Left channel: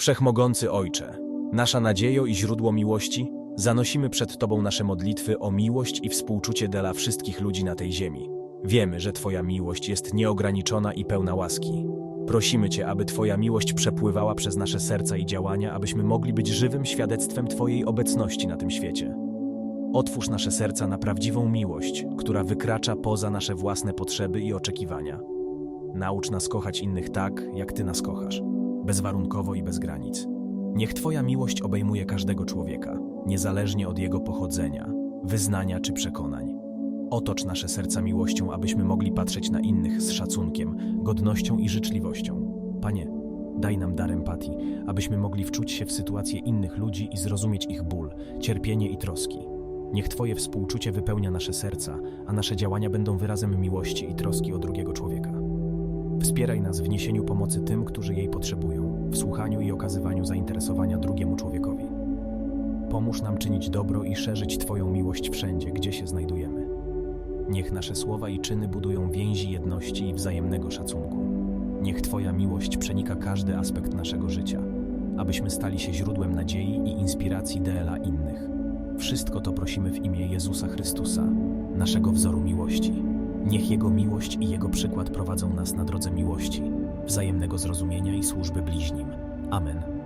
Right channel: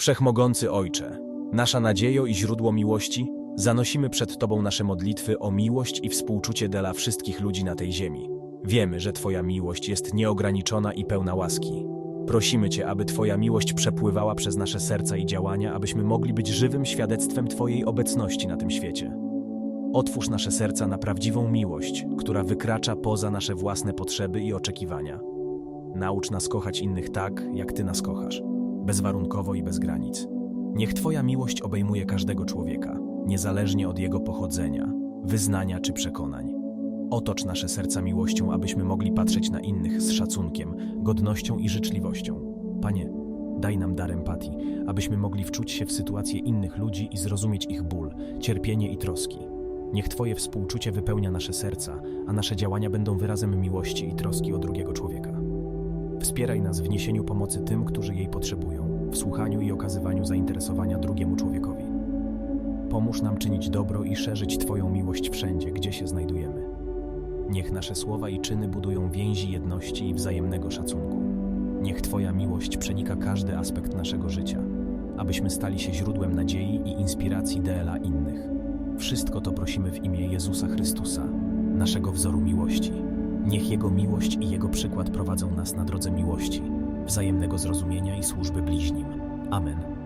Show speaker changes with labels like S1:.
S1: Wszechmogący Ojcze, nasza nadziejo i źródło miłości, zanosimy przed Tobą nasze modlitwy o miłość i współczucie dla wszystkich ludzi na tej ziemi. Wiemy, że Twoja miłość jest nieograniczona i pełna łaski. Prosimy Cię, aby Twoja miłość przepływała przez nasze serca i działania, abyśmy mogli być żywym świadectwem Twojej obecności na tym świecie. Otwórz nasze serca na prawdziwą miłość, która wykracza poza nasze własne potrzeby i oczekiwania. Naucz nas kochać innych tak, jak Ty nas kochasz, bezwarunkowo i bez granic. Niech Twoja miłość obejmuje każdego człowieka, niezależnie od jego pochodzenia, wyznania czy przekonań. Otocz nasze serca miłością, abyśmy mogli patrzeć na innych z szacunkiem, godnością i życzliwością. Panie, daj nam dar empatii, abyśmy mogli wczuć się w sytuacje innych ludzi i zrozumieć ich ból, cierpienie i troski. Niech Twoje współczucie wypełnia nasze serca, a nasze działania będą wyrazem miłości i troski o drugiego człowieka. Wspieraj nas w niesieniu pomocy tym, którzy jej potrzebują, w słuchaniu i okazywaniu zainteresowania drugiemu człowiekowi. Pomóż nam czynić dobro i szerzyć Twoją miłość wszędzie, gdzie się znajdujemy. Niech nasze słowa i czyny budują więzi jedności i wzajemnego szacunku. Niech Twoja miłość przenika każdy aspekt naszego życia, abyśmy stali się źródłem nadziei i inspiracji dla innych. Wszystko to prosimy w imię Jezusa Chrystusa, naszego wzoru miłości. Niech Jego miłość i Jego przykład prowadzą nas na drodze miłości, wzajemnego zrozumienia i służby bliźnim. Amen.